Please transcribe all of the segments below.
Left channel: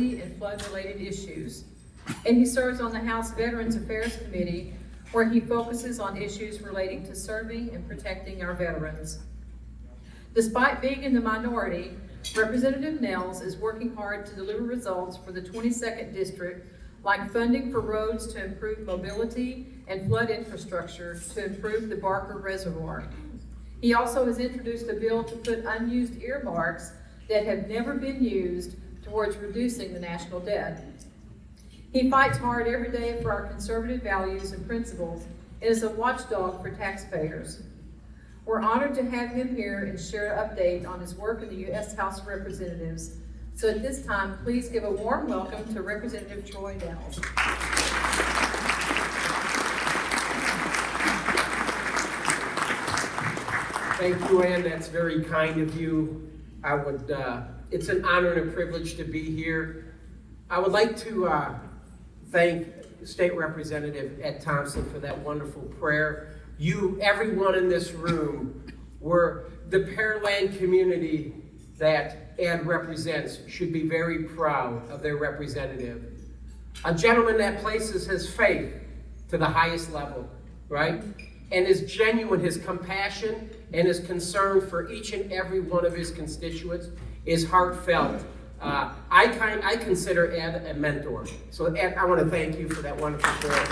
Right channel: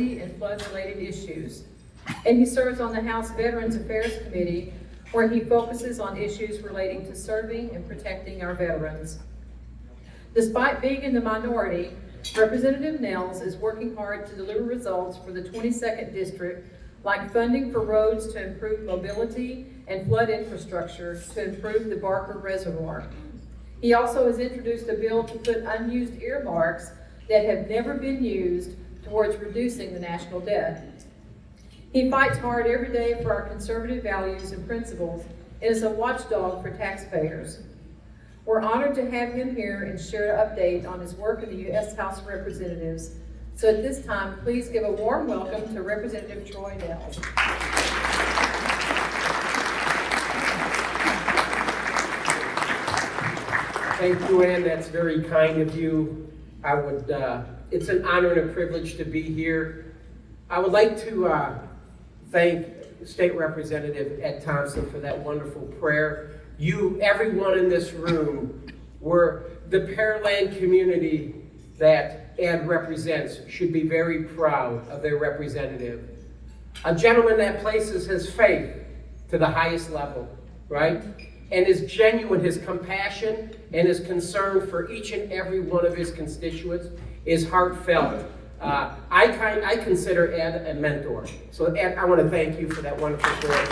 and flood-related issues. And he serves on the House Veterans Affairs Committee, where he focuses on issues relating to serving and protecting our veterans. Despite being in the minority, Representative Nehls is working hard to deliver results for the 22nd District, like funding for roads to improve mobility and flood infrastructure to improve the Barker Reservoir. He also has introduced a bill to put unused earmarks that have never been used towards reducing the national debt. He fights hard every day for our conservative values and principles and is a watchdog for taxpayers. We're honored to have him here and share an update on his work in the U.S. House of Representatives. So at this time, please give a warm welcome to Representative Troy Nehls. Thank you, Ann. That's very kind of you. It's an honor and a privilege to be here. I would like to thank State Representative Ed Thompson for that wonderful prayer. You, everyone in this room, were the Pearland community that Ed represents should be very proud of their representative. A gentleman that places his faith to the highest level, right? And is genuine, his compassion and his concern for each and every one of his constituents is heartfelt. I consider Ed a mentor. So Ed, I want to thank you for that wonderful prayer.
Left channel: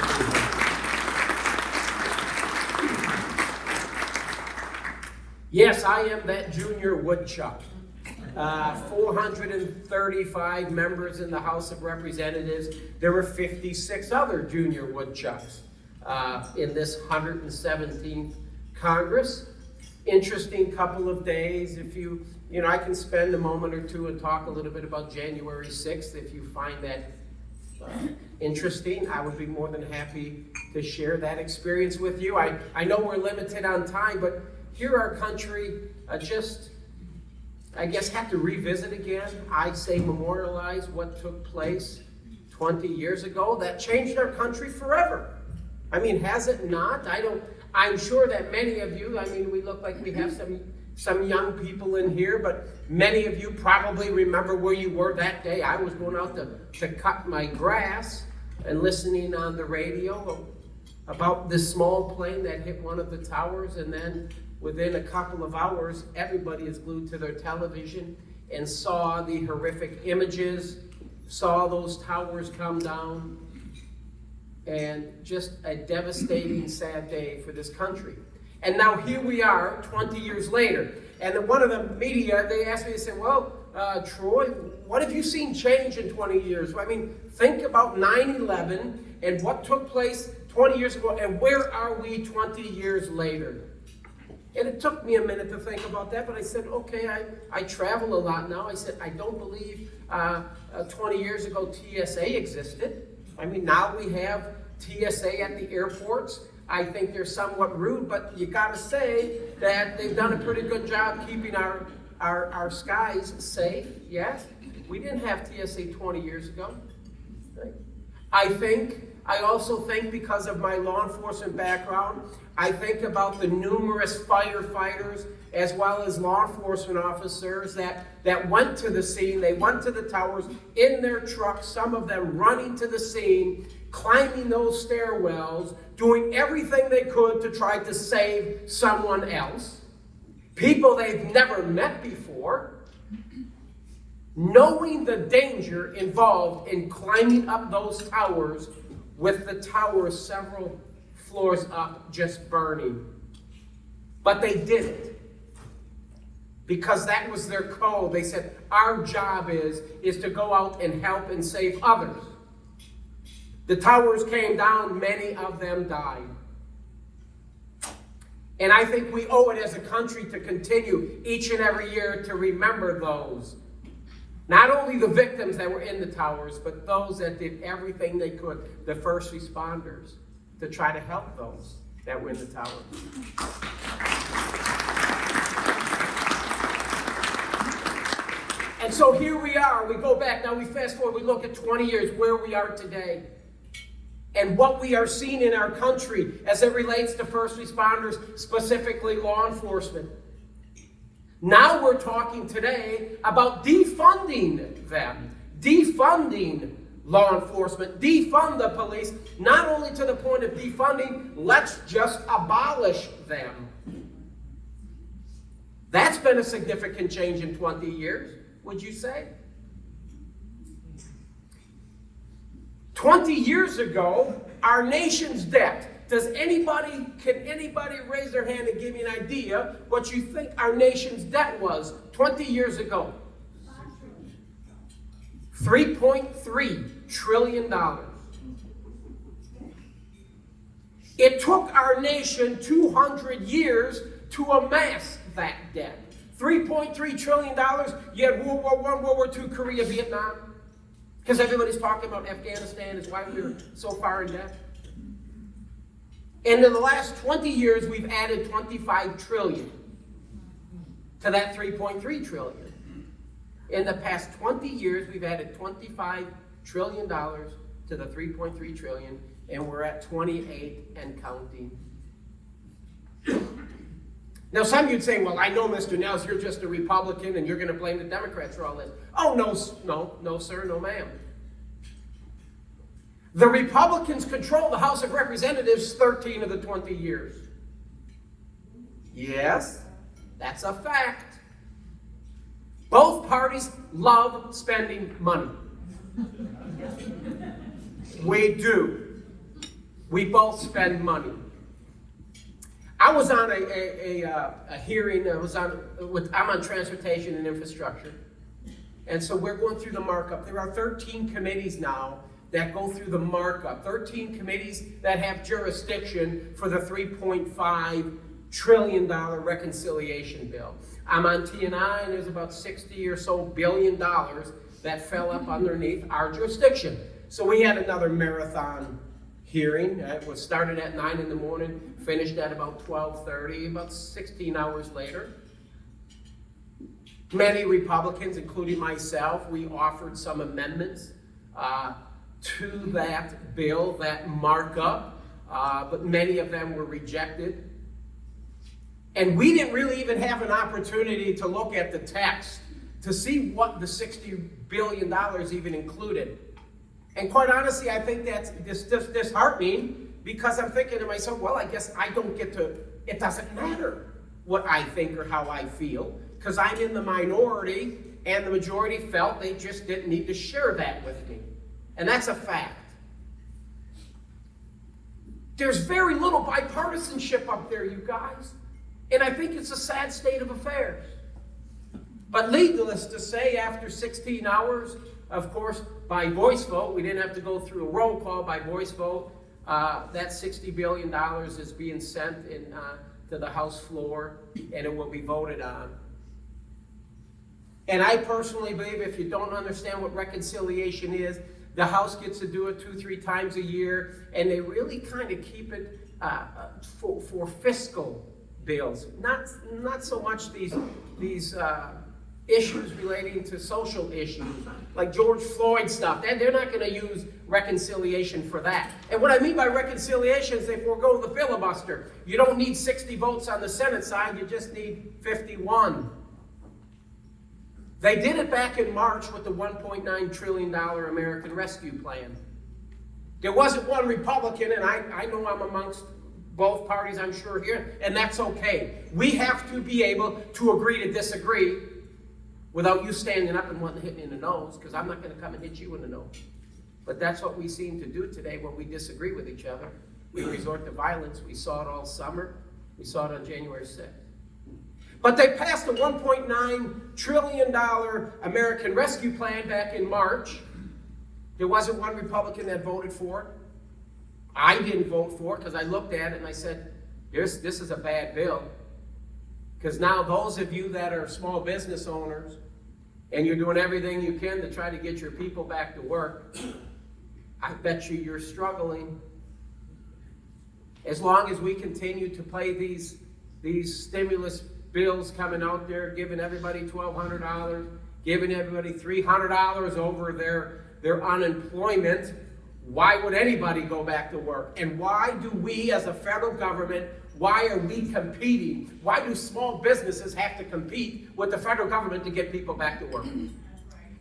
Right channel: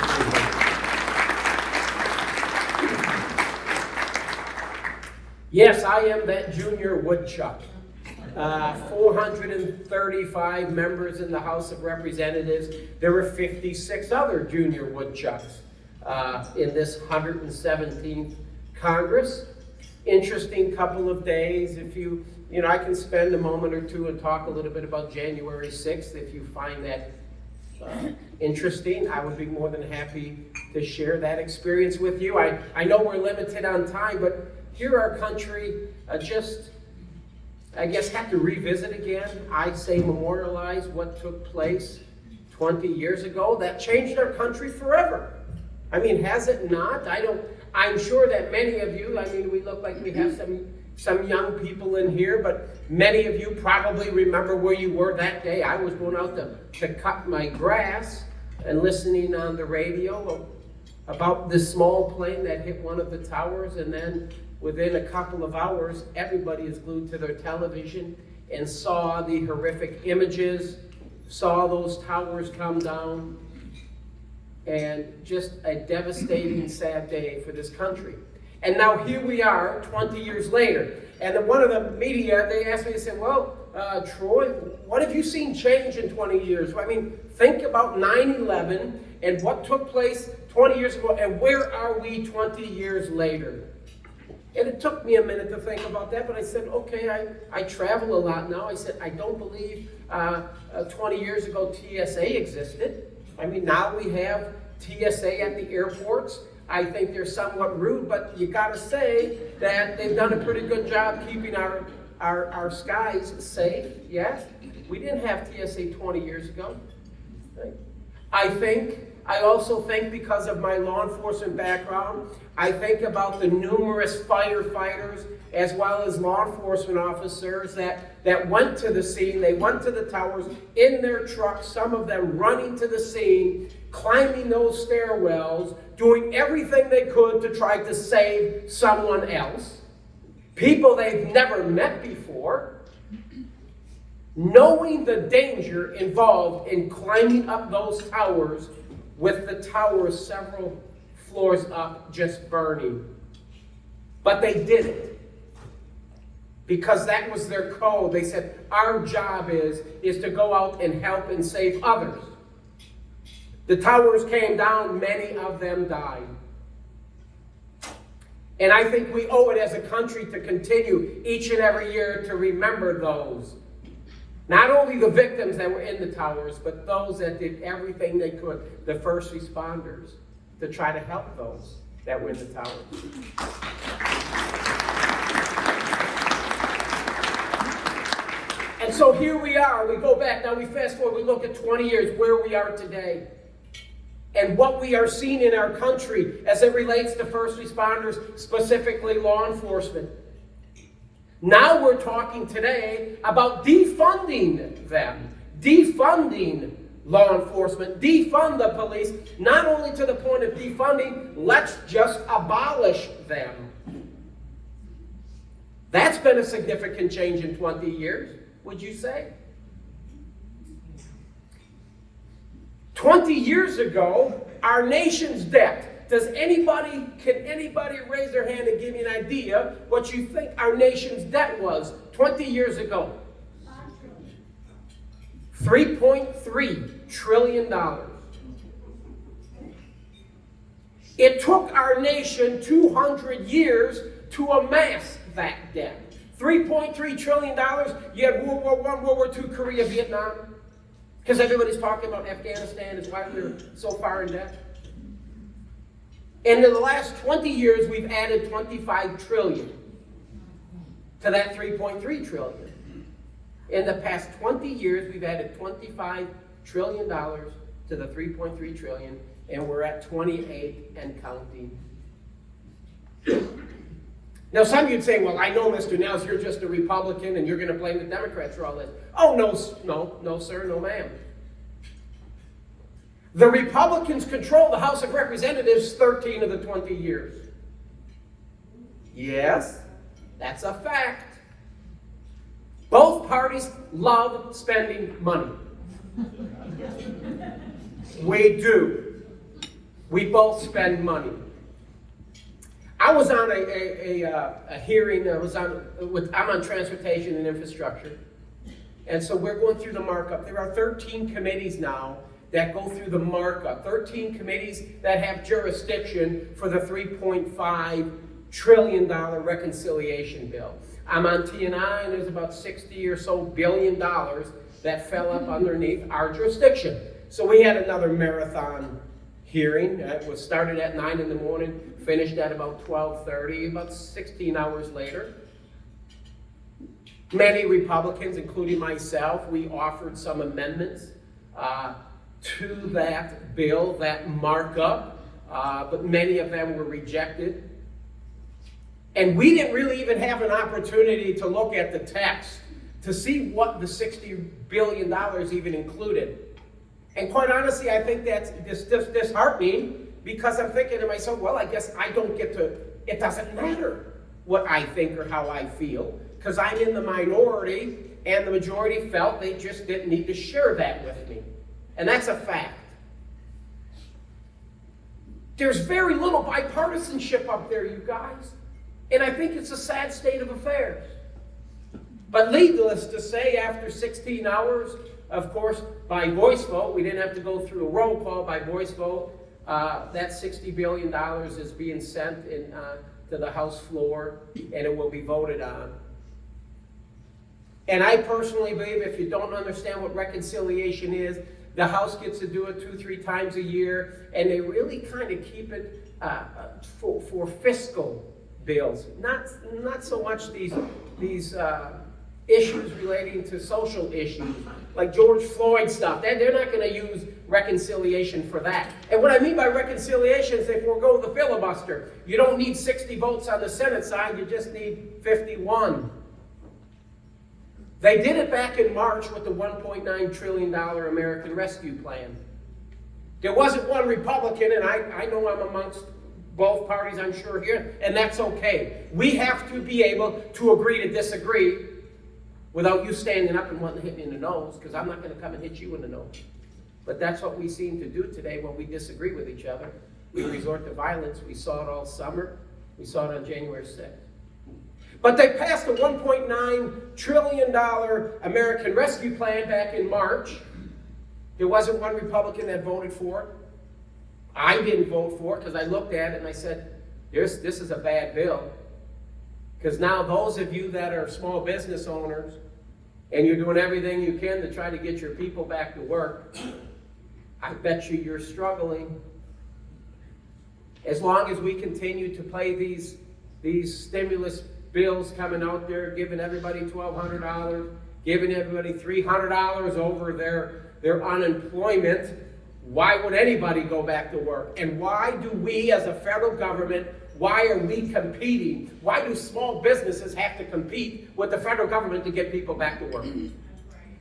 Yes, I am that junior woodchuck. 435 members in the House of Representatives. There were 56 other junior woodchucks in this 117th Congress. Interesting couple of days. If you know, I can spend a moment or two and talk a little bit about January 6th if you find that interesting. I would be more than happy to share that experience with you. I know we're limited on time, but here our country I guess, have to revisit again. I say memorialize what took place 20 years ago. That changed our country forever. I mean, has it not? I'm sure that many of you, we look like we have some young people in here, but many of you probably remember where you were that day. I was going out to cut my grass and listening on the radio about this small plane that hit one of the towers, and then within a couple of hours, everybody is glued to their television and saw the horrific images, saw those towers come down, and just a devastating, sad day for this country. And now here we are, 20 years later, and one of the media, they asked me, they said, well, Troy, what have you seen change in 20 years? I mean, think about 9/11 and what took place 20 years ago, and where are we 20 years later? And it took me a minute to think about that, but I said, okay, I travel a lot now. I said, I don't believe 20 years ago TSA existed. I mean, now we have TSA at the airports. I think they're somewhat rude, but you gotta say that they've done a pretty good job keeping our skies safe, yes? We didn't have TSA 20 years ago. Right? I also think, because of my law enforcement background, I think about the numerous firefighters as well as law enforcement officers that went to the scene. They went to the towers in their trucks, some of them running to the scene, climbing those stairwells, doing everything they could to try to save someone else. People they've never met before, knowing the danger involved in climbing up those towers with the towers several floors up just burning. But they did it because that was their code. They said, our job is to go out and help and save others. The towers came down, many of them died. And I think we owe it as a country to continue each and every year to remember those. Not only the victims that were in the towers, but those that did everything they could, the first responders, to try to help those that were in the towers. And so here we are, we go back, now we fast forward, we look at 20 years, where we are today. And what we are seeing in our country as it relates to first responders, specifically law enforcement. Now we're talking today about defunding them. defunding law enforcement, defund the police, not only to the point of defunding, let's just abolish them. That's been a significant change in 20 years, would you say? 20 years ago, our nation's debt. Can anybody raise their hand and give me an idea what you think our nation's debt was 20 years ago? $3.3 trillion. It took our nation 200 years to amass that debt. $3.3 trillion, you had World War I, World War II, Korea, Vietnam. Because everybody's talking about Afghanistan is why we're so far in debt. And in the last 20 years, we've added 25 trillion to that 3.3 trillion. In the past 20 years, we've added $25 trillion to the 3.3 trillion, and we're at 28 and counting. Now, some of you'd say, well, I know, Mr. Nehls, you're just a Republican and you're going to blame the Democrats for all this. Oh, no, sir, no, ma'am. The Republicans control the House of Representatives 13 of the 20 years. Yes, that's a fact. Both parties love spending money. We do. We both spend money. I was on a hearing. I'm on transportation and infrastructure, and so we're going through the markup. There are 13 committees now that go through the markup. 13 committees that have jurisdiction for the $3.5 trillion reconciliation bill. I'm on T&I, and there's about 60 or so billion dollars that fell up underneath our jurisdiction. So we had another marathon hearing. It was started at 9 in the morning, finished at about 12:30, about 16 hours later. Many Republicans, including myself, we offered some amendments to that bill, that markup, but many of them were rejected. And we didn't really even have an opportunity to look at the text to see what the $60 billion even included. And quite honestly, I think that's disheartening, because I'm thinking to myself, well, I guess I don't get to, it doesn't matter what I think or how I feel, because I'm in the minority, and the majority felt they just didn't need to share that with me. And that's a fact. There's very little bipartisanship up there, you guys. And I think it's a sad state of affairs. But needless to say, after 16 hours, of course, by voice vote, we didn't have to go through a roll call, by voice vote, that $60 billion is being sent to the House floor, and it will be voted on. And I personally believe, if you don't understand what reconciliation is, the House gets to do it 2-3 times a year, and they really kind of keep it for fiscal bills, not so much these issues relating to social issues, like George Floyd stuff. They're not going to use reconciliation for that. And what I mean by reconciliation is they forego the filibuster. You don't need 60 votes on the Senate side, you just need 51. They did it back in March with the $1.9 trillion American Rescue Plan. There wasn't one Republican, and I know I'm amongst both parties, I'm sure, here, and that's okay. We have to be able to agree to disagree without you standing up and wanting to hit me in the nose, because I'm not going to come and hit you in the nose. But that's what we seem to do today when we disagree with each other. We resort to violence. We saw it all summer. We saw it on January 6th. But they passed a $1.9 trillion American Rescue Plan back in March. There wasn't one Republican that voted for it. I didn't vote for it because I looked at it and I said, this is a bad bill. Because now those of you that are small business owners and you're doing everything you can to try to get your people back to work, I bet you're struggling. As long as we continue to play these stimulus bills coming out there, giving everybody $1,200, giving everybody $300 over their unemployment, why would anybody go back to work? And why do we as a federal government, why are we competing? Why do small businesses have to compete with the federal government to get people back to work?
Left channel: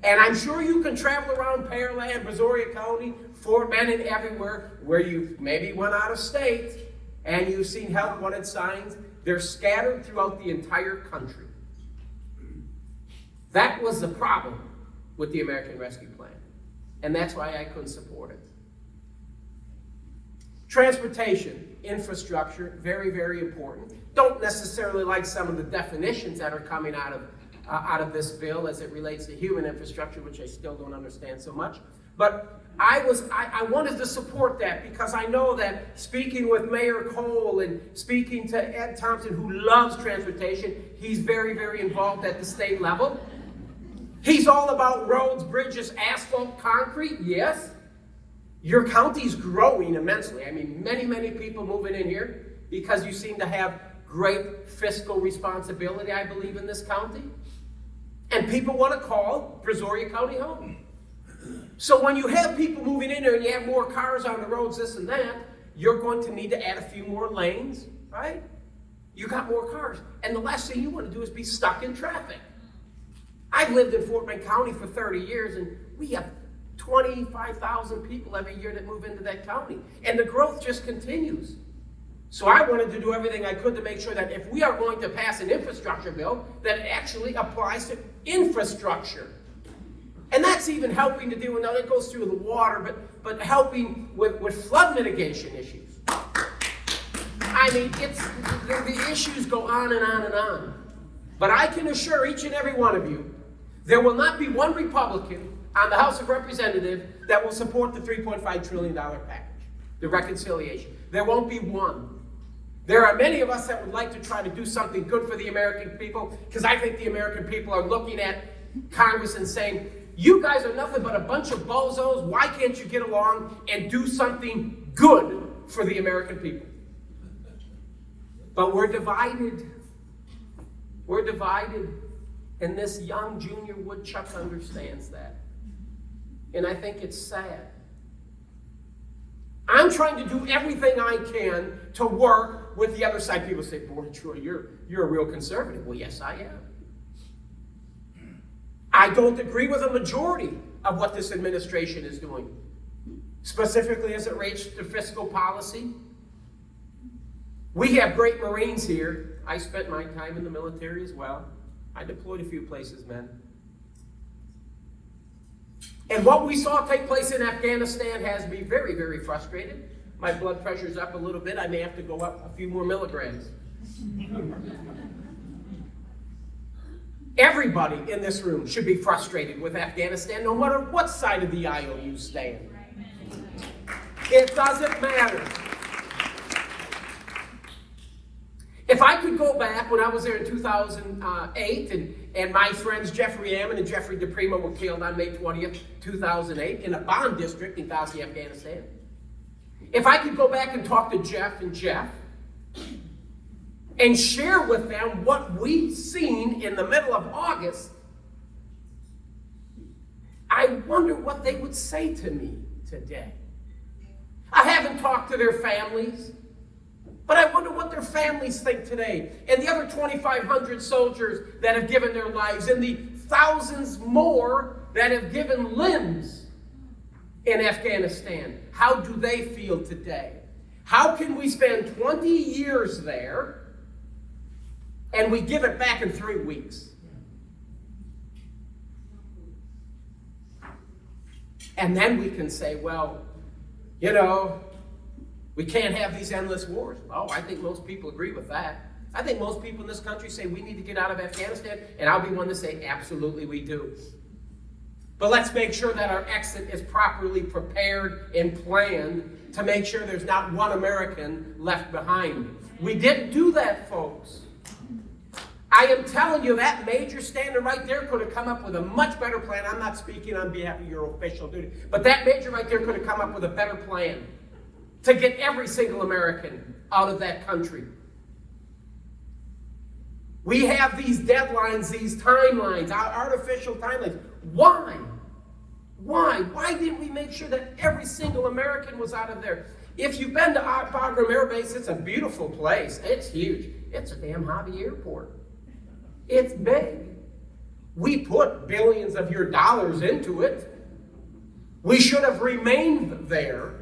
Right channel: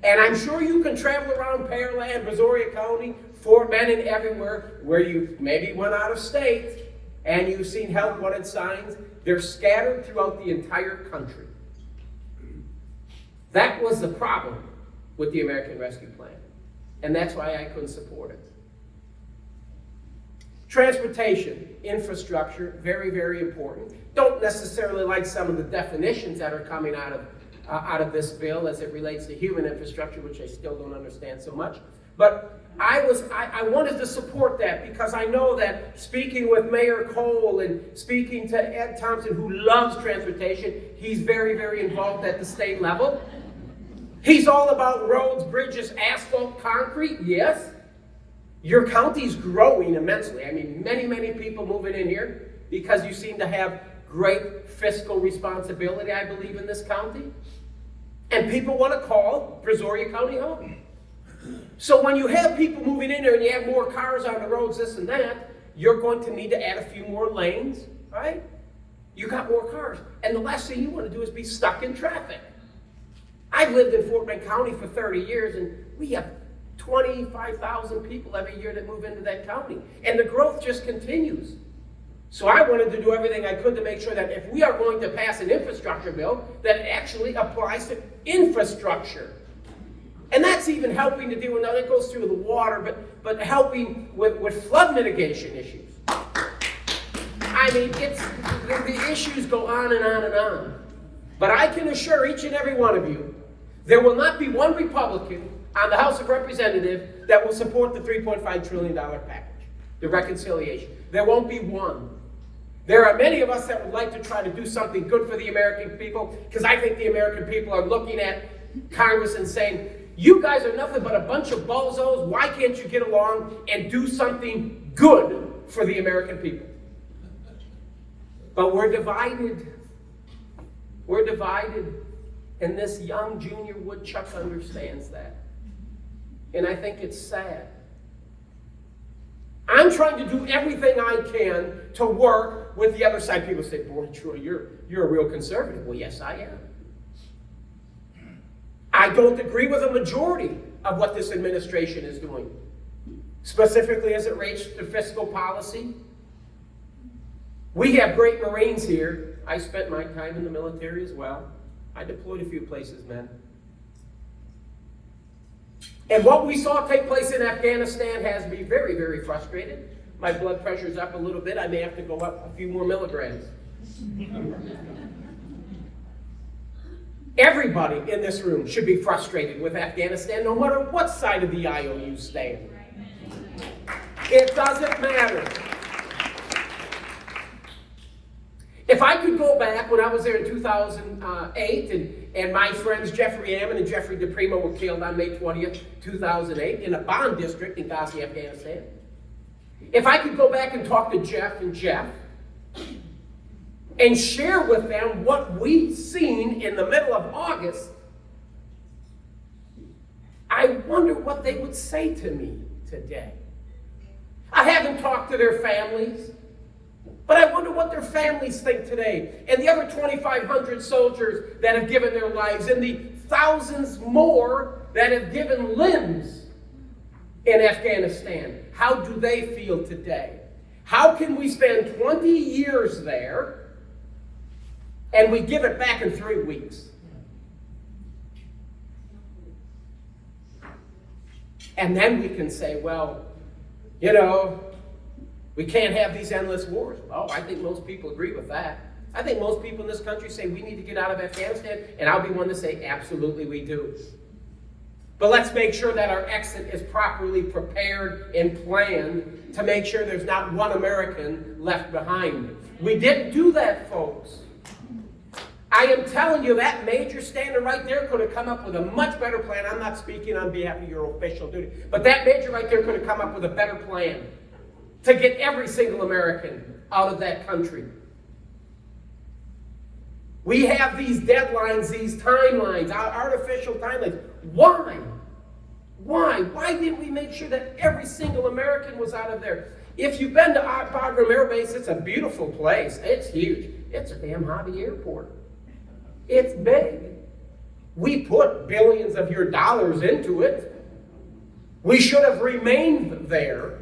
And I'm sure you can travel around Pearland, Brazoria County, Fort Benning, everywhere where you maybe went out of state and you've seen help wanted signs. They're scattered throughout the entire country. That was the problem with the American Rescue Plan. And that's why I couldn't support it. Transportation, infrastructure, very, very important. Don't necessarily like some of the definitions that are coming out of this bill as it relates to human infrastructure, which I still don't understand so much. But I wanted to support that because I know that speaking with Mayor Cole and speaking to Ed Thompson, who loves transportation, he's very, very involved at the state level. He's all about roads, bridges, asphalt, concrete, yes. Your county's growing immensely. I mean, many, many people moving in here because you seem to have great fiscal responsibility, I believe, in this county. And people want to call Brazoria County home. So when you have people moving in there and you have more cars on the roads, this and that, you're going to need to add a few more lanes, right? You got more cars. And the last thing you want to do is be stuck in traffic. I've lived in Fort Bend County for 30 years, and we have 25,000 people every year that move into that county. And the growth just continues. So I wanted to do everything I could to make sure that if we are going to pass an infrastructure bill, that it actually applies to infrastructure. And that's even helping to deal with, now that goes through the water, but helping with flood mitigation issues. I mean, the issues go on and on and on. But I can assure each and every one of you, there will not be one Republican on the House of Representatives that will support the $3.5 trillion package, the reconciliation. There won't be one. There are many of us that would like to try to do something good for the American people, because I think the American people are looking at Congress and saying, you guys are nothing but a bunch of bozos. Why can't you get along and do something good for the American people? But we're divided. We're divided. And this young junior woodchuck understands that. And I think it's sad. I'm trying to do everything I can to work with the other side. People say, boy, Troy, you're a real conservative. Well, yes, I am. I don't agree with a majority of what this administration is doing, specifically as it relates to fiscal policy. We have great Marines here. I spent my time in the military as well. I deployed a few places, man. And what we saw take place in Afghanistan has me very, very frustrated. My blood pressure's up a little bit. I may have to go up a few more milligrams. Everybody in this room should be frustrated with Afghanistan, no matter what side of the aisle you stand. It doesn't matter. If I could go back when I was there in 2008, and my friends Jeffrey Ammon and Jeffrey DePrimo were killed on May 20th, 2008, in a bomb district in Ghazni, Afghanistan. If I could go back and talk to Jeff and share with them what we've seen in the middle of August, I wonder what they would say to me today. I haven't talked to their families, but I wonder what their families think today. And the other 2,500 soldiers that have given their lives, and the thousands more that have given limbs in Afghanistan. How do they feel today? How can we spend 20 years there and we give it back in 3 weeks? And then we can say, well, you know, we can't have these endless wars. Oh, I think most people agree with that. I think most people in this country say we need to get out of Afghanistan, and I'll be one to say absolutely we do. But let's make sure that our exit is properly prepared and planned to make sure there's not one American left behind. We didn't do that, folks. I am telling you, that major standing right there could have come up with a much better plan. I'm not speaking on behalf of your official duty, but that major right there could have come up with a better plan to get every single American out of that country. We have these deadlines, these timelines, our artificial timelines. Why? Why didn't we make sure that every single American was out of there? If you've been to Bagram Air Base, it's a beautiful place. It's huge. It's a damn hobby airport. It's big. We put billions of your dollars into it. We should have remained there,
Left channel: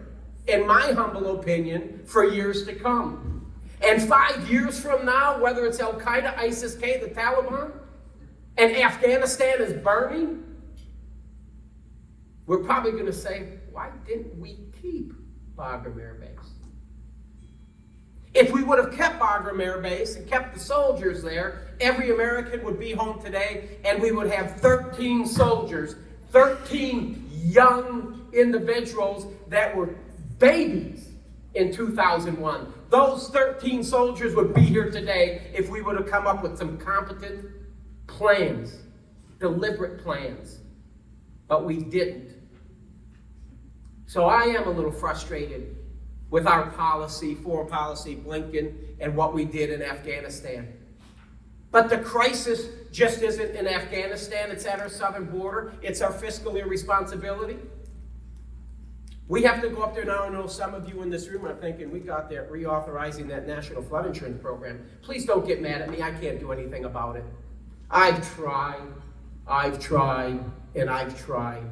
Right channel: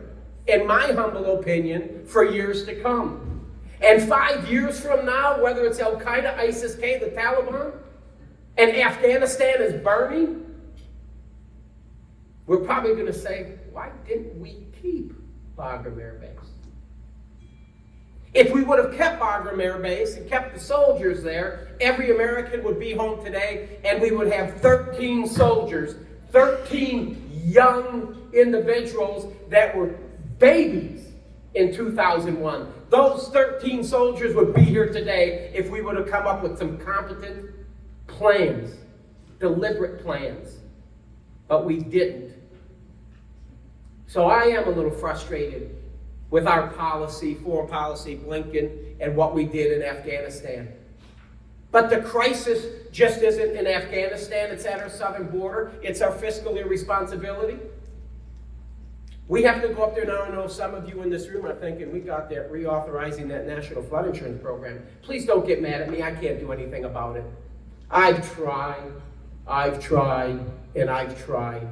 in my humble opinion, for years to come. And 5 years from now, whether it's Al-Qaeda, ISIS-K, the Taliban, and Afghanistan is burning, we're probably going to say, why didn't we keep Bagram Air Base? If we would have kept Bagram Air Base and kept the soldiers there, every American would be home today, and we would have 13 soldiers, 13 young individuals that were babies in 2001. Those 13 soldiers would be here today if we would have come up with some competent plans, deliberate plans. But we didn't. So I am a little frustrated with our policy, foreign policy, Blinken, and what we did in Afghanistan. But the crisis just isn't in Afghanistan, it's at our southern border. It's our fiscal irresponsibility. We have to go up there now. I know some of you in this room are thinking, we got that reauthorizing that national flood insurance program. Please don't get mad at me, I can't do anything about it. I've tried, and I've tried.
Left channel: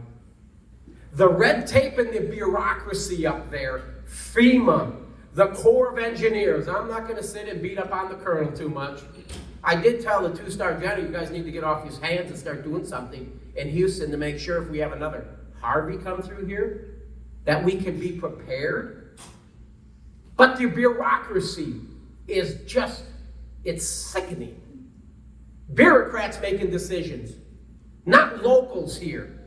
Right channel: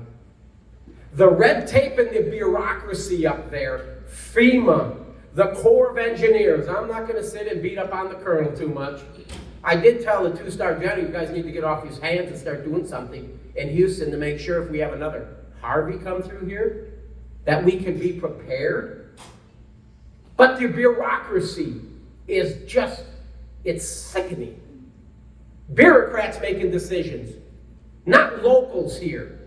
The red tape and the bureaucracy up there, FEMA, the Corps of Engineers. I'm not going to sit and beat up on the colonel too much. I did tell the two-star general, you guys need to get off his hands and start doing something in Houston to make sure if we have another Harvey come through here, that we can be prepared. But the bureaucracy is just, it's sickening. Bureaucrats making decisions, not locals here.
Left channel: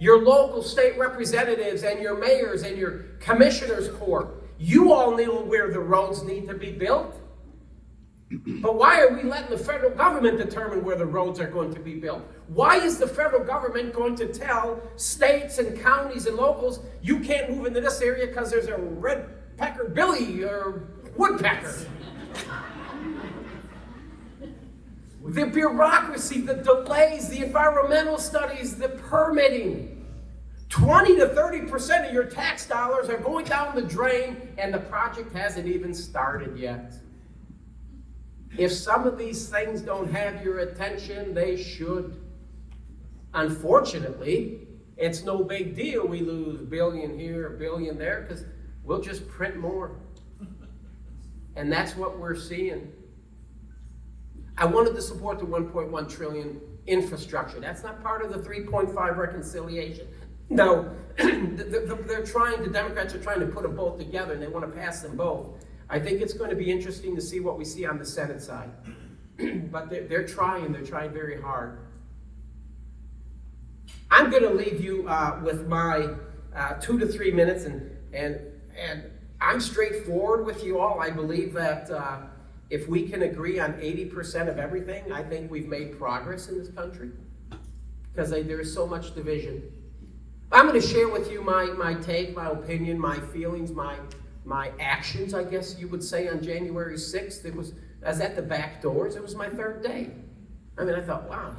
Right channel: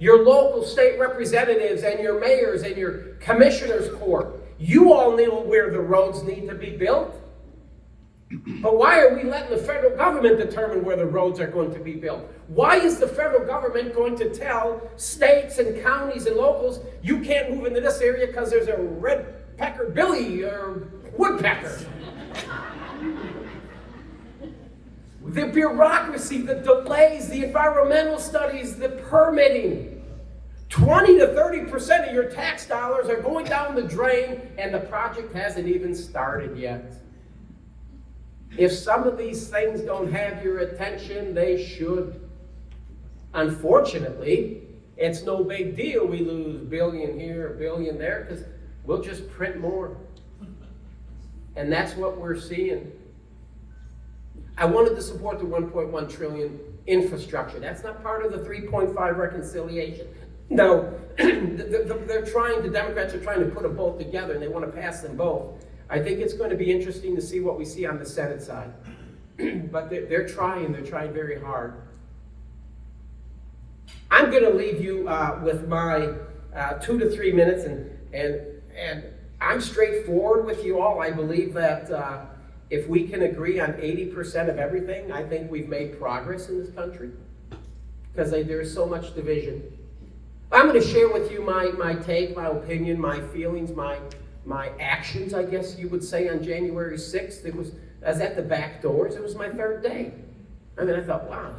Your local state representatives and your mayors and your commissioners court, you all know where the roads need to be built. But why are we letting the federal government determine where the roads are going to be built? Why is the federal government going to tell states and counties and locals, you can't move into this area because there's a red pecker billy or woodpecker? The bureaucracy, the delays, the environmental studies, the permitting. 20 to 30% of your tax dollars are going down the drain, and the project hasn't even started yet. If some of these things don't have your attention, they should. Unfortunately, it's no big deal we lose $1 billion here, $1 billion there, because we'll just print more. And that's what we're seeing. I wanted to support the 1.1 trillion infrastructure. That's not part of the 3.5 reconciliation. No, the Democrats are trying to put them both together, and they want to pass them both. I think it's going to be interesting to see what we see on the Senate side. But they're trying very hard. I'm going to leave you with my 2 to 3 minutes, and I'm straightforward with you all. I believe that if we can agree on 80% of everything, I think we've made progress in this country, because there's so much division. I'm going to share with you my take, my opinion, my feelings, my actions, I guess you would say, on January 6th. I was at the back doors. It was my third day. I mean, I thought, wow,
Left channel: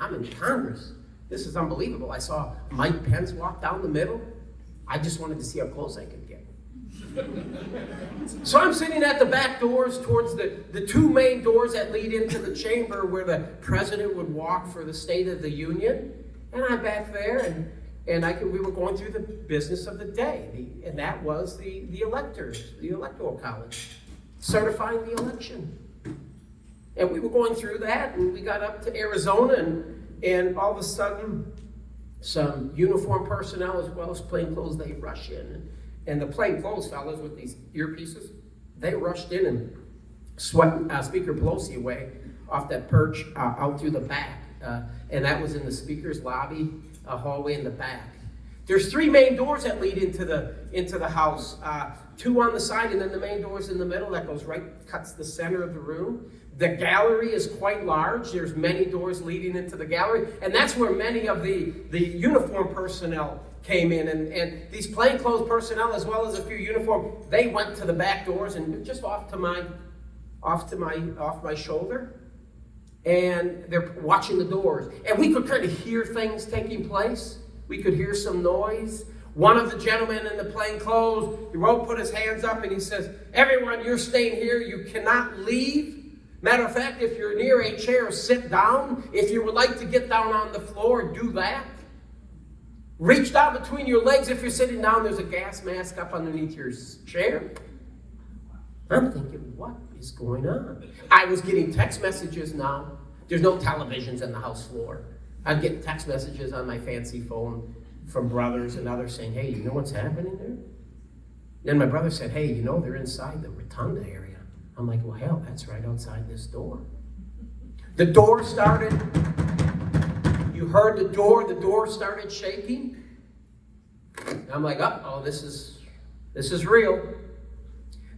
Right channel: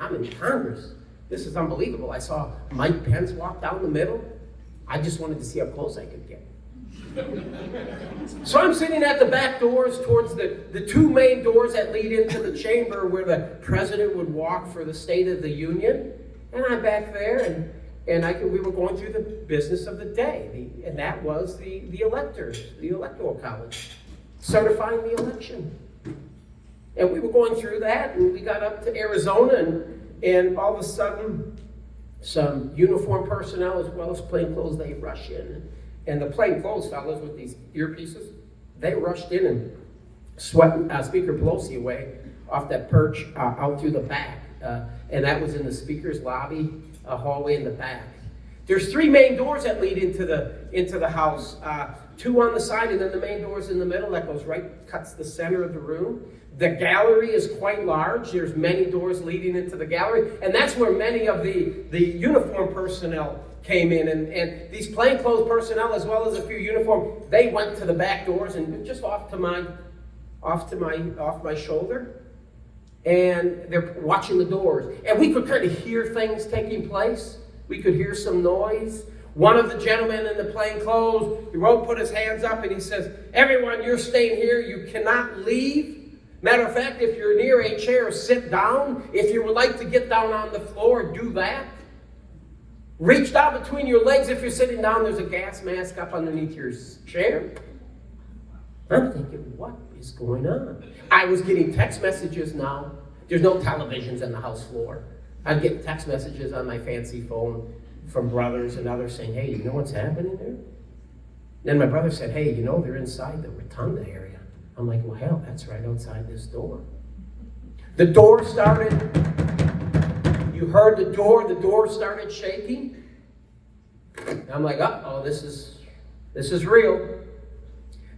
I'm in Congress. This is unbelievable. I saw Mike Pence walk down the middle. I just wanted to see how close I could get. So I'm sitting at the back doors towards the two main doors that lead into the chamber where the president would walk for the State of the Union. And I'm back there, and we were going through the business of the day, and that was the electors, the Electoral College, certifying the election. And we were going through that, and we got up to Arizona, and all of a sudden, some uniformed personnel as well as plainclothes, they rush in. And the plainclothes fellas with these earpieces, they rushed in and swept Speaker Pelosi away off that perch out through the back. And that was in the Speaker's lobby, a hallway in the back. There's 3 main doors that lead into the House. 2 on the side, and then the main door's in the middle that goes right, cuts the center of the room. The gallery is quite large. There's many doors leading into the gallery, and that's where many of the uniformed personnel came in. And these plainclothes personnel, as well as a few uniformed, they went to the back doors and just off my shoulder. And they're watching the doors. And we could kind of hear things taking place. We could hear some noise. One of the gentlemen in the plainclothes, he put his hands up and he says, "Everyone, you're staying here. You cannot leave. Matter of fact, if you're near a chair, sit down. If you would like to get down on the floor, do that. Reach down between your legs. If you're sitting down, there's a gas mask up underneath your chair. I'm thinking, what is going on? I was getting text messages now. There's no televisions on the house floor. I'd get text messages on my fancy phone from brothers and others saying, hey, you know what's happening there? Then my brother said, hey, you know, they're inside the rotunda area. I'm like, well, hell, that's right outside this door. The door started, you heard the door started shaking. I'm like, uh-oh, this is real.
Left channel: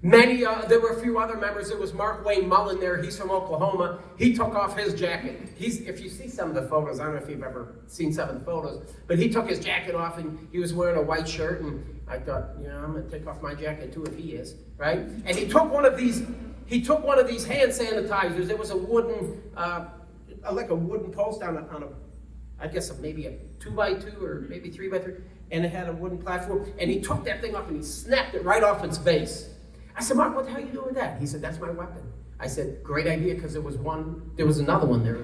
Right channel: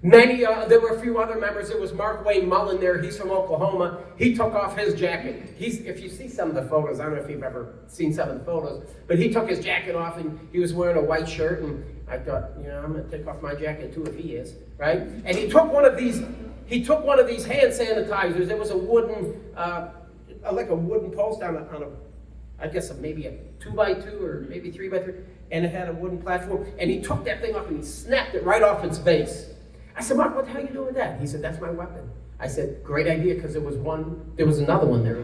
There were a few other members. There was Mark Wayne Mullen there. He's from Oklahoma. He took off his jacket. If you see some of the photos, I don't know if you've ever seen some of the photos, but he took his jacket off and he was wearing a white shirt. And I thought, I'm going to take off my jacket too if he is, right? And he took one of these hand sanitizers. It was a wooden, like a wooden post on a I guess maybe a 2x2 or maybe 3x3, and it had a wooden platform. And he took that thing off and he snapped it right off its base. I said, Mark, what the hell are you doing with that? He said, that's my weapon. I said, great idea, because there was another one there.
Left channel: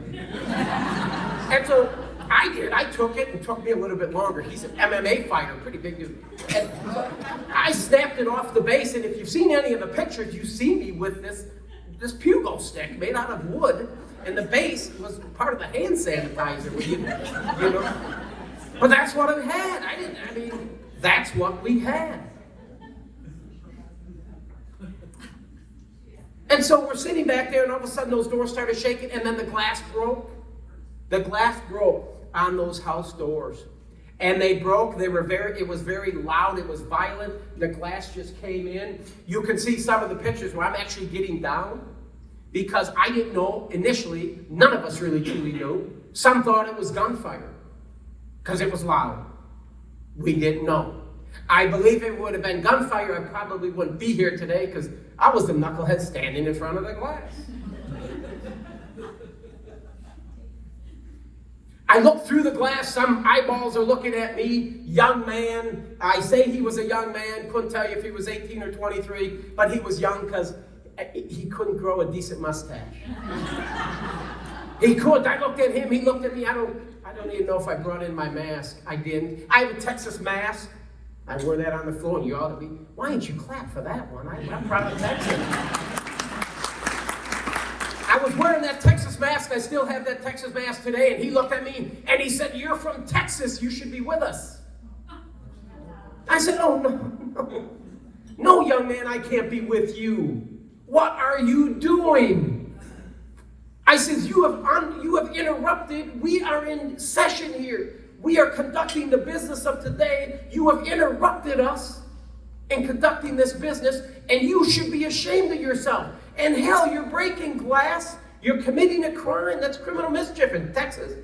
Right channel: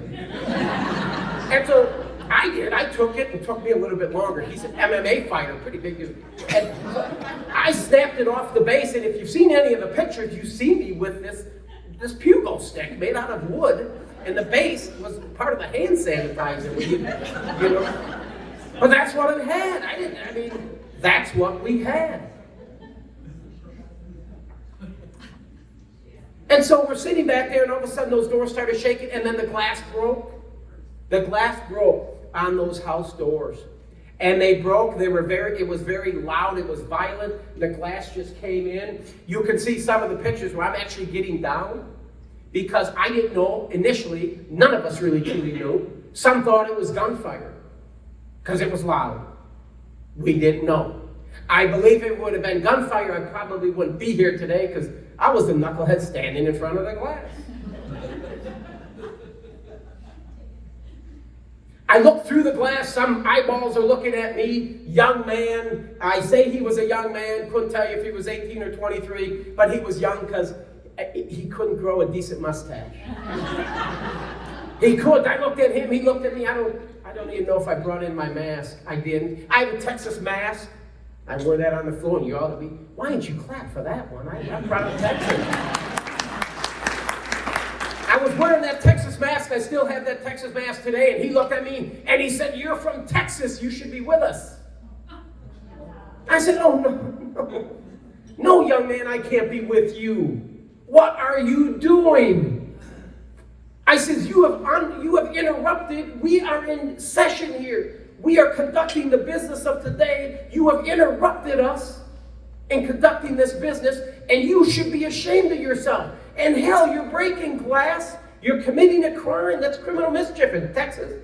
And so I did. I took it, and it took me a little bit longer. He's an MMA fighter, pretty big dude. And I snapped it off the base, and if you've seen any of the pictures, you see me with this pugil stick made out of wood, and the base was part of the hand sanitizer. You know? But that's what I had. That's what we had. And so we're sitting back there, and all of a sudden those doors started shaking, and then the glass broke. The glass broke on those house doors. And they broke. It was very loud. It was violent. The glass just came in. You can see some of the pictures where I'm actually getting down, because I didn't know initially. None of us really truly knew. Some thought it was gunfire because it was loud. We didn't know. I believe if it would have been gunfire, I probably wouldn't be here today, because I was the knucklehead standing in front of the glass. I looked through the glass. Some eyeballs are looking at me. Young man. I say he was a young man. Couldn't tell you if he was 18 or 23, but he was young because he couldn't grow a decent mustache. He could. I looked at him. He looked at me. I don't even know if I brought in my mask. I didn't. I have a Texas mask. I wore that on the floor, and you ought to be. Why didn't you clap for that one? I'm proud of Texas. I was wearing that Texas mask. I still have that Texas mask today. And he looked at me and he said, "You're from Texas. You should be with us." I said, "Oh, no. No, young man, I can't be with you. What are you doing?" I said, you have interrupted. We are in session here. We are conducting the business of today. You have interrupted us in conducting this business, and you should be ashamed of yourself. And hell, you're breaking glass. You're committing a crime. That's criminal mischief in Texas.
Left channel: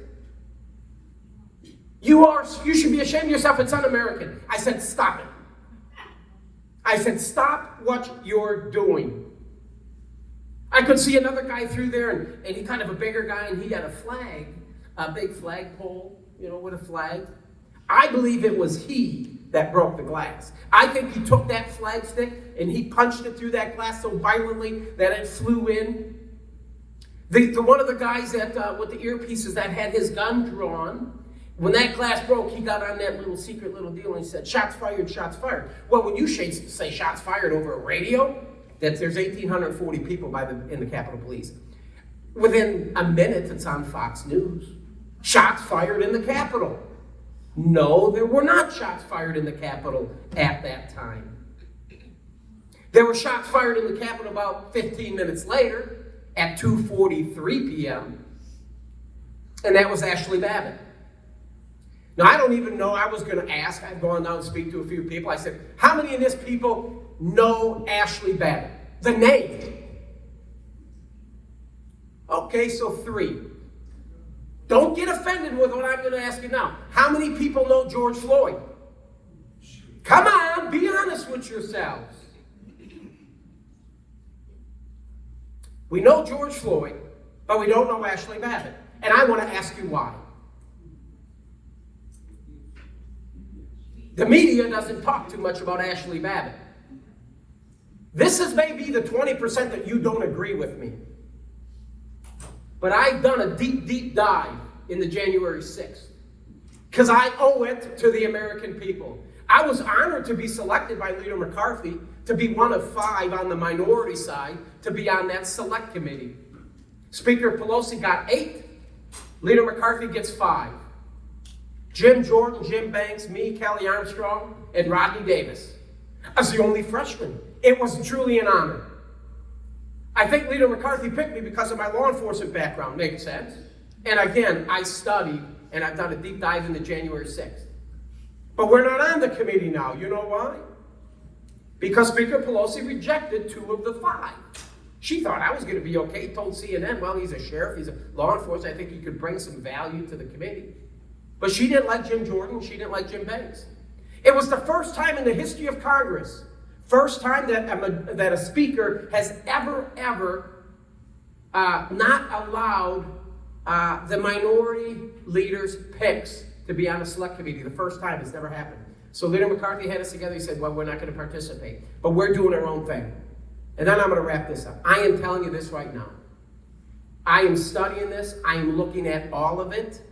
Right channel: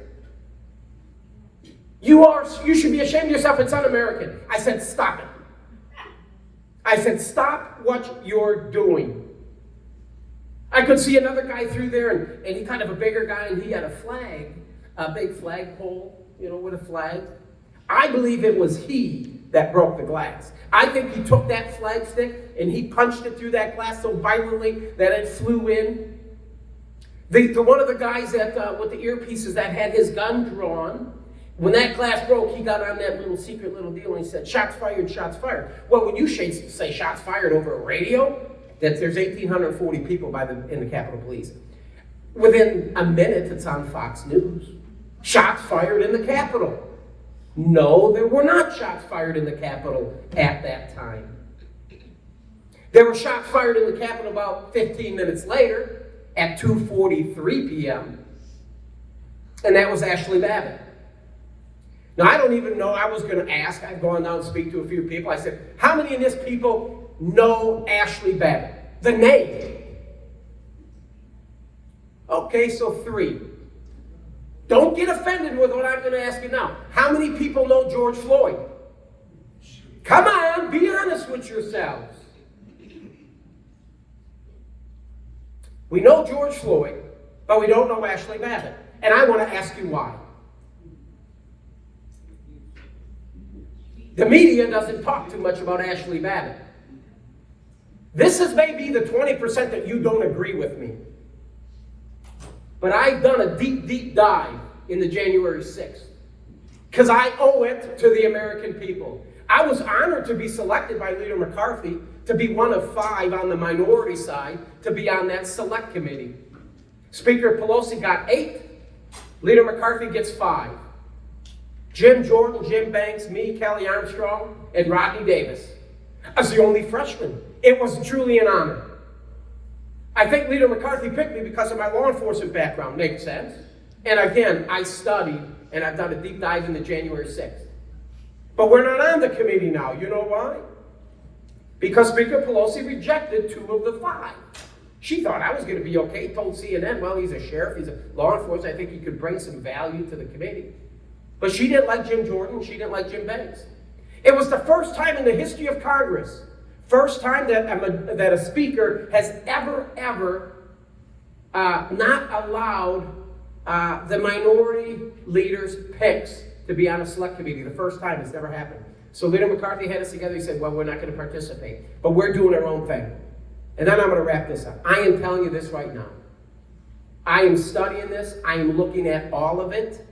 You should be ashamed of yourself. It's un-American. I said, stop it. I said, stop what you're doing. I could see another guy through there, and he kind of a bigger guy, and he had a flag, a big flagpole, with a flag. I believe it was he that broke the glass. I think he took that flag stick and he punched it through that glass so violently that it flew in. One of the guys with the earpieces that had his gun drawn, when that glass broke, he got on that secret little deal and he said, "Shots fired, shots fired." Well, when you say shots fired over a radio, that there's 1,840 people in the Capitol Police. Within a minute, it's on Fox News. Shots fired in the Capitol. No, there were not shots fired in the Capitol at that time. There were shots fired in the Capitol about 15 minutes later at 2:43 p.m. And that was Ashley Babbitt. Now, I don't even know. I was going to ask. I've gone down and speak to a few people. I said, how many of these people know Ashley Babbitt? The name. Okay, so 3. Don't get offended with what I'm going to ask you now. How many people know George Floyd? Come on, be honest with yourselves. We know George Floyd, but we don't know Ashley Babbitt. And I want to ask you why. The media doesn't talk too much about Ashley Babbitt. This is maybe the 20% that you don't agree with me. But I've done a deep, deep dive in the January 6th. Because I owe it to the American people. I was honored to be selected by Leader McCarthy to be one of 5 on the minority side to be on that select committee. Speaker Pelosi got 8. Leader McCarthy gets 5. Jim Jordan, Jim Banks, me, Kelly Armstrong, and Rodney Davis. I was the only freshman. It was truly an honor. I think Leader McCarthy picked me because of my law enforcement background. Makes sense. And again, I studied, and I've done a deep dive into January 6th. But we're not on the committee now. You know why? Because Speaker Pelosi rejected 2 of the 5. She thought I was going to be okay. Told CNN, well, he's a sheriff, he's a law enforcement. I think he could bring some value to the committee. But she didn't like Jim Jordan. She didn't like Jim Banks. It was the first time in the history of Congress, first time that a speaker has ever not allowed the minority leaders' picks to be on a select committee. The first time it's never happened. So Leader McCarthy had us together. He said, well, we're not going to participate, but we're doing our own thing. And then I'm going to wrap this up. I am telling you this right now. I am studying this. I am looking at all of it.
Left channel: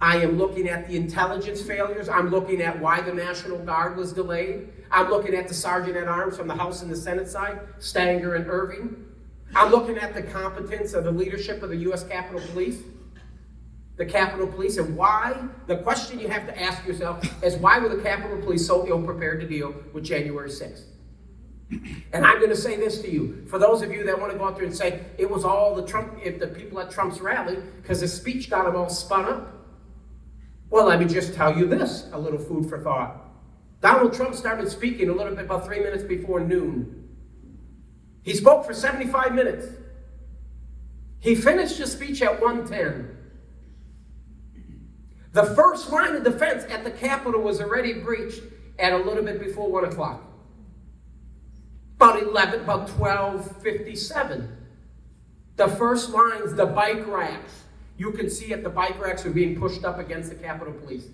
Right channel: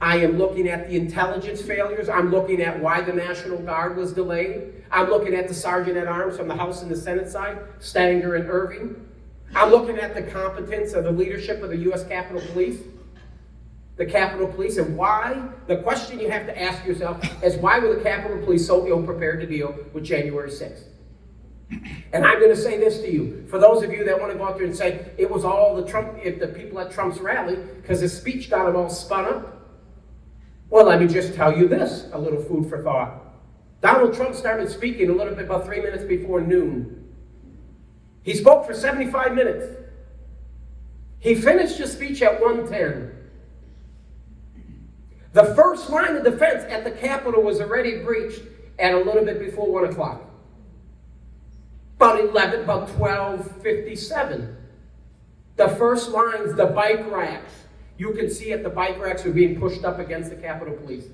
I am looking at the intelligence failures. I'm looking at why the National Guard was delayed. I'm looking at the Sergeant at Arms from the House and the Senate side, Stanger and Irving. I'm looking at the competence of the leadership of the U.S. Capitol Police. The Capitol Police, and why, the question you have to ask yourself is, why were the Capitol Police so ill-prepared to deal with January 6th? And I'm going to say this to you, for those of you that want to go out there and say, it was all the people at Trump's rally, because his speech got them all spun up. Well, let me just tell you this, a little food for thought. Donald Trump started speaking a little bit about 3 minutes before noon. He spoke for 75 minutes. He finished his speech at 1:10. The first line of defense at the Capitol was already breached at a little bit before 1 o'clock. About 12:57. The first lines, the bike racks. You can see it, the bike racks were being pushed up against the Capitol Police.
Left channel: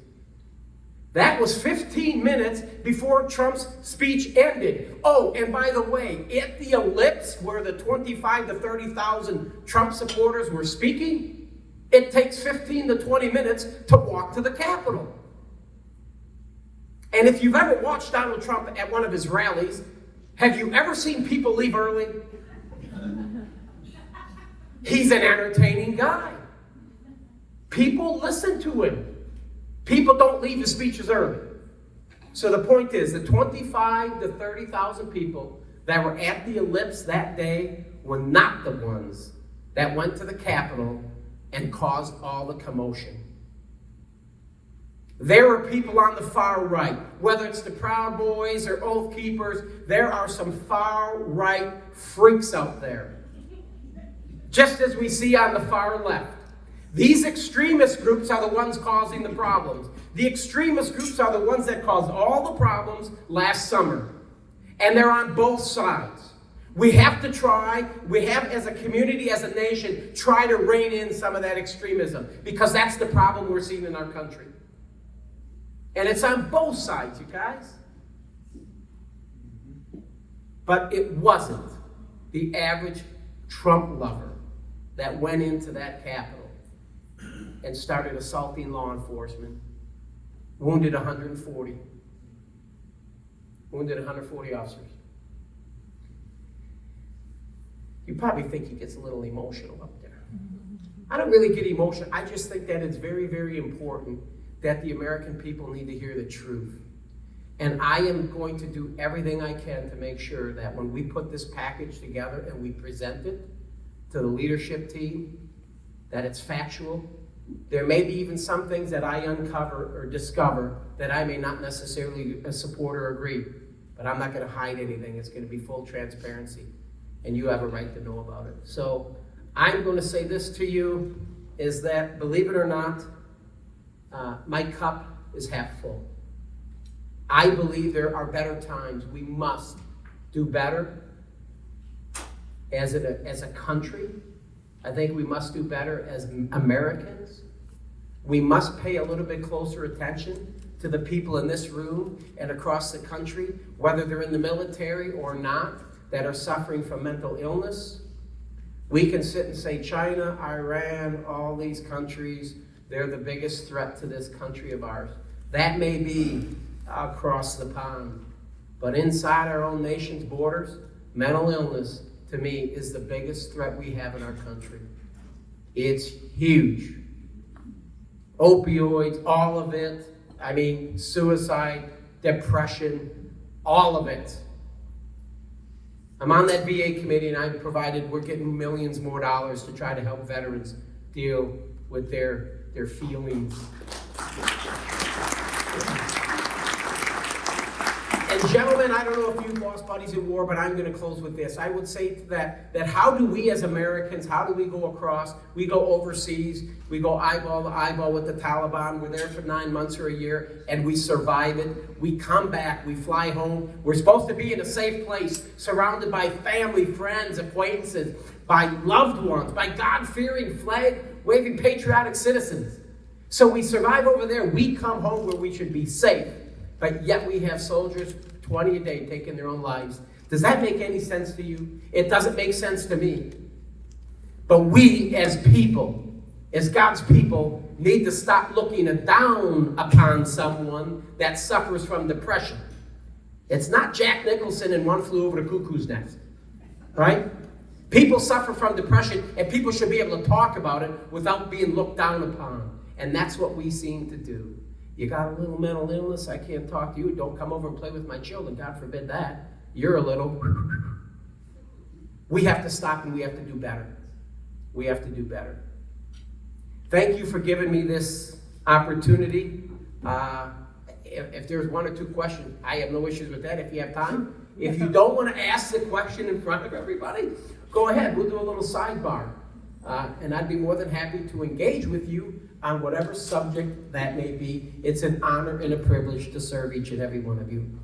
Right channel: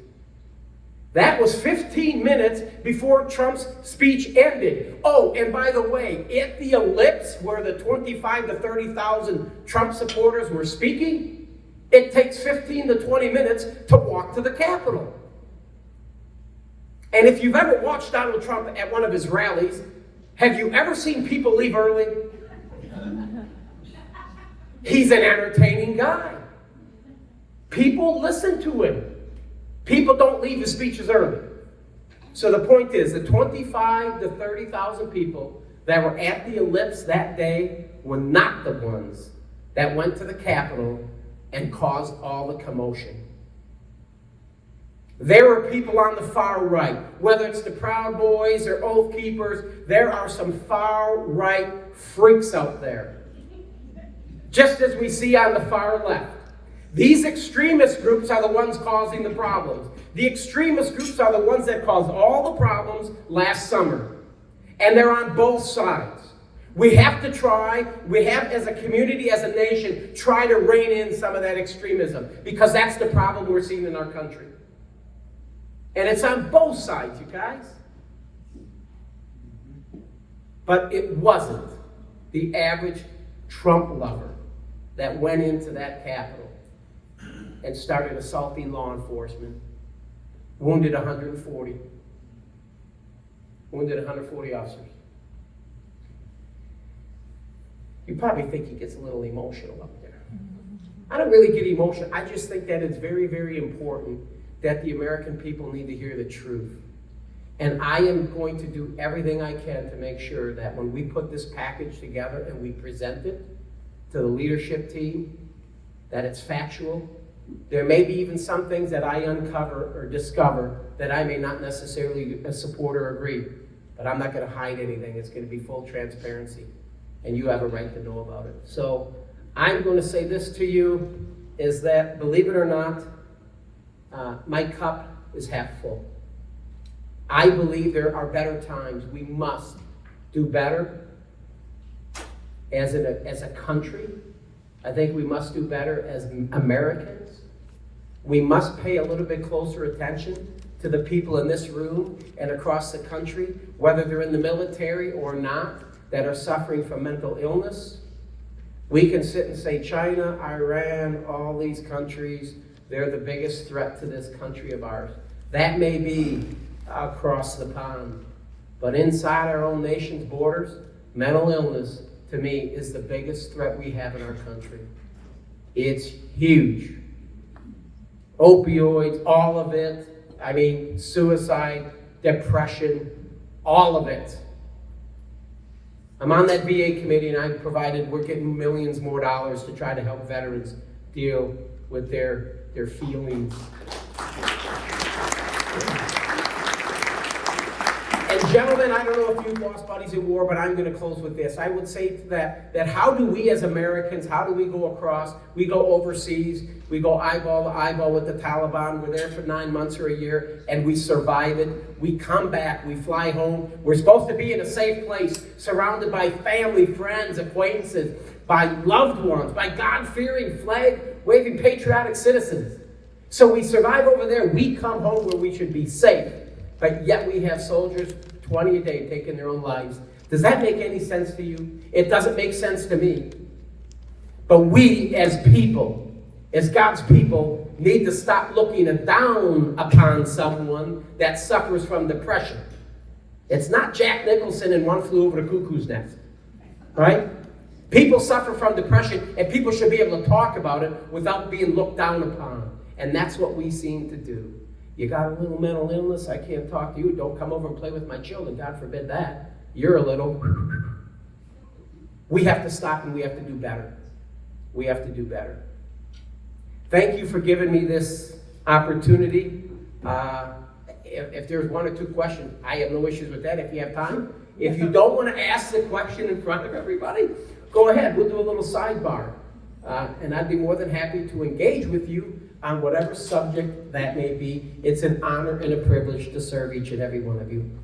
That was 15 minutes before Trump's speech ended. Oh, and by the way, at the ellipse where the 25 to 30,000 Trump supporters were speaking, it takes 15 to 20 minutes to walk to the Capitol. And if you've ever watched Donald Trump at one of his rallies, have you ever seen people leave early? He's an entertaining guy. People listen to him. People don't leave his speeches early. So the point is, the 25 to 30,000 people that were at the ellipse that day were not the ones that went to the Capitol and caused all the commotion. There are people on the far right, whether it's the Proud Boys or Oath Keepers, there are some far right freaks out there. Just as we see on the far left. These extremist groups are the ones causing the problems. The extremist groups are the ones that caused all the problems last summer. And they're on both sides. We have to try, as a community, as a nation, try to rein in some of that extremism, because that's the problem we're seeing in our country. And it's on both sides, you guys. But it wasn't the average Trump lover that went into that Capitol and started assaulting law enforcement, wounded 140 officers. You probably think he gets a little emotional up there. I don't really get emotional. I just think that it's very, very important that the American people need to hear the truth. And I am going to do everything I can to make sure that when we put this package together and we present it to the leadership team, that it's factual. There may be even some things that I uncover or discover that I may not necessarily support or agree, but I'm not going to hide anything. It's going to be full transparency, and you have a right to know about it. So I'm going to say this to you, is that, believe it or not, my cup is half full. I believe there are better times. We must do better as a country. I think we must do better as Americans. We must pay a little bit closer attention to the people in this room and across the country, whether they're in the military or not, that are suffering from mental illness, We can sit and say China, Iran, all these countries, they're the biggest threat to this country of ours. That may be across the pond. But inside our own nation's borders, mental illness, to me, is the biggest threat we have in our country. It's huge. Opioids, all of it. I mean, suicide, depression, all of it. I'm on that VA committee, and we're getting millions more dollars to try to help veterans deal with their feelings. And gentlemen, I don't know if you've lost buddies in war, but I'm going to close with this. I would say that how do we as Americans, how do we go across? We go overseas, we go eyeball to eyeball with the Taliban. We're there for 9 months or a year, and we survive it. We come back, we fly home. We're supposed to be in a safe place, surrounded by family, friends, acquaintances, by loved ones, by God-fearing, flag-waving, patriotic citizens. So we survive over there. We come home where we should be safe. But yet we have soldiers, 20 a day, taking their own lives. Does that make any sense to you? It doesn't make sense to me. But we as people, as God's people, need to stop looking down upon someone that suffers from depression. It's not Jack Nicholson and One Flew Over the Cuckoo's Nest. All right? People suffer from depression, and people should be able to talk about it without being looked down upon. And that's what we seem to do. You got a little mental illness, I can't talk to you. Don't come over and play with my children. God forbid that. You're a little. We have to stop, and we have to do better. We have to do better. Thank you for giving me this opportunity. If there's one or two questions, I have no issues with that if you have time. If you don't want to ask the question in front of everybody, go ahead. We'll do a little sidebar. And I'd be more than happy to engage with you on whatever subject that may be. It's an honor and a privilege to serve each and every one of you.